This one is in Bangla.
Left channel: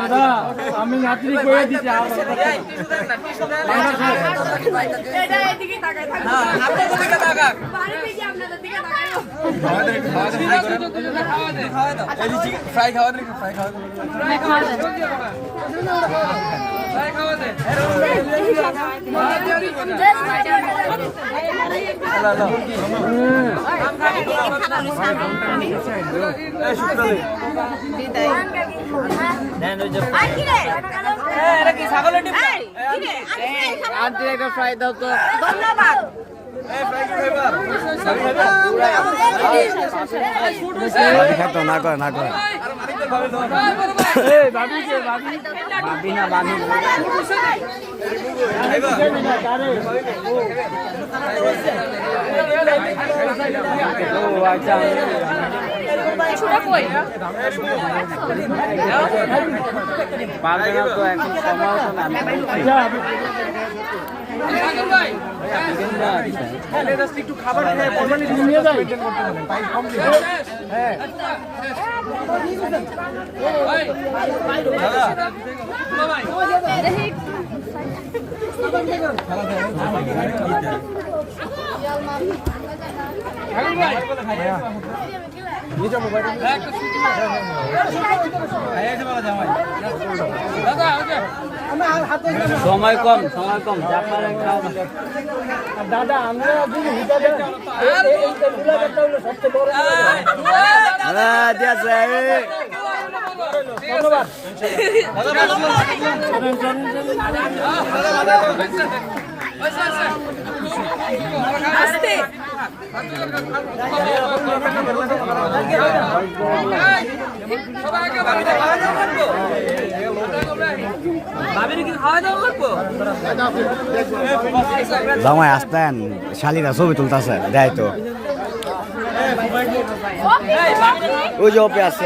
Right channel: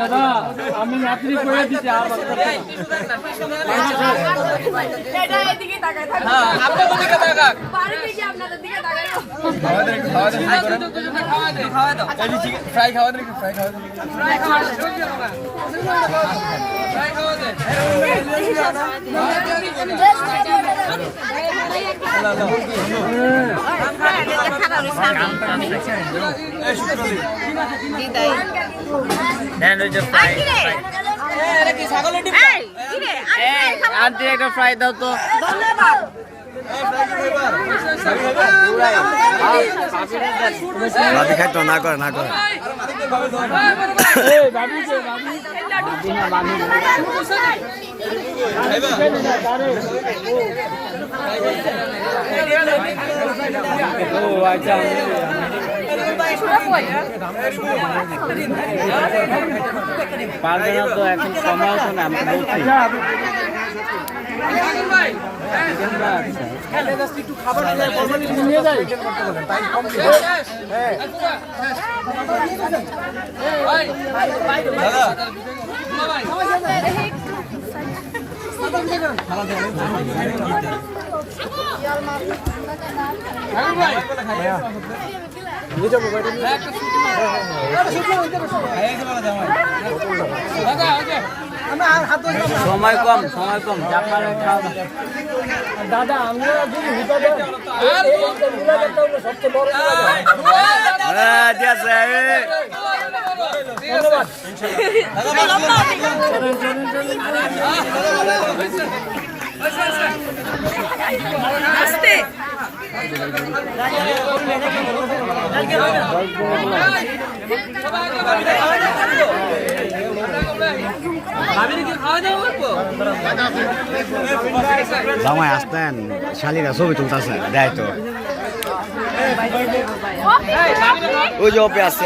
দাদা আমি নাতনি করে দিছি আর ফ্রাই খাওয়া দে ফ্রাই খাওয়া আন্টি একটা ফ্রাই দাও তো ভাবি খাইতো না করে না করে ভাবি না ভাবি ও আচ্ছা পারবে না তো এখন সময় আছে না নিয়ে যাই সময় কম দাদা আমরা যদি সবচেয়ে বড় জামাই আসতেন শালিরা ছবি তুলতেছে দেয় তো ওই যে ওপে আসছে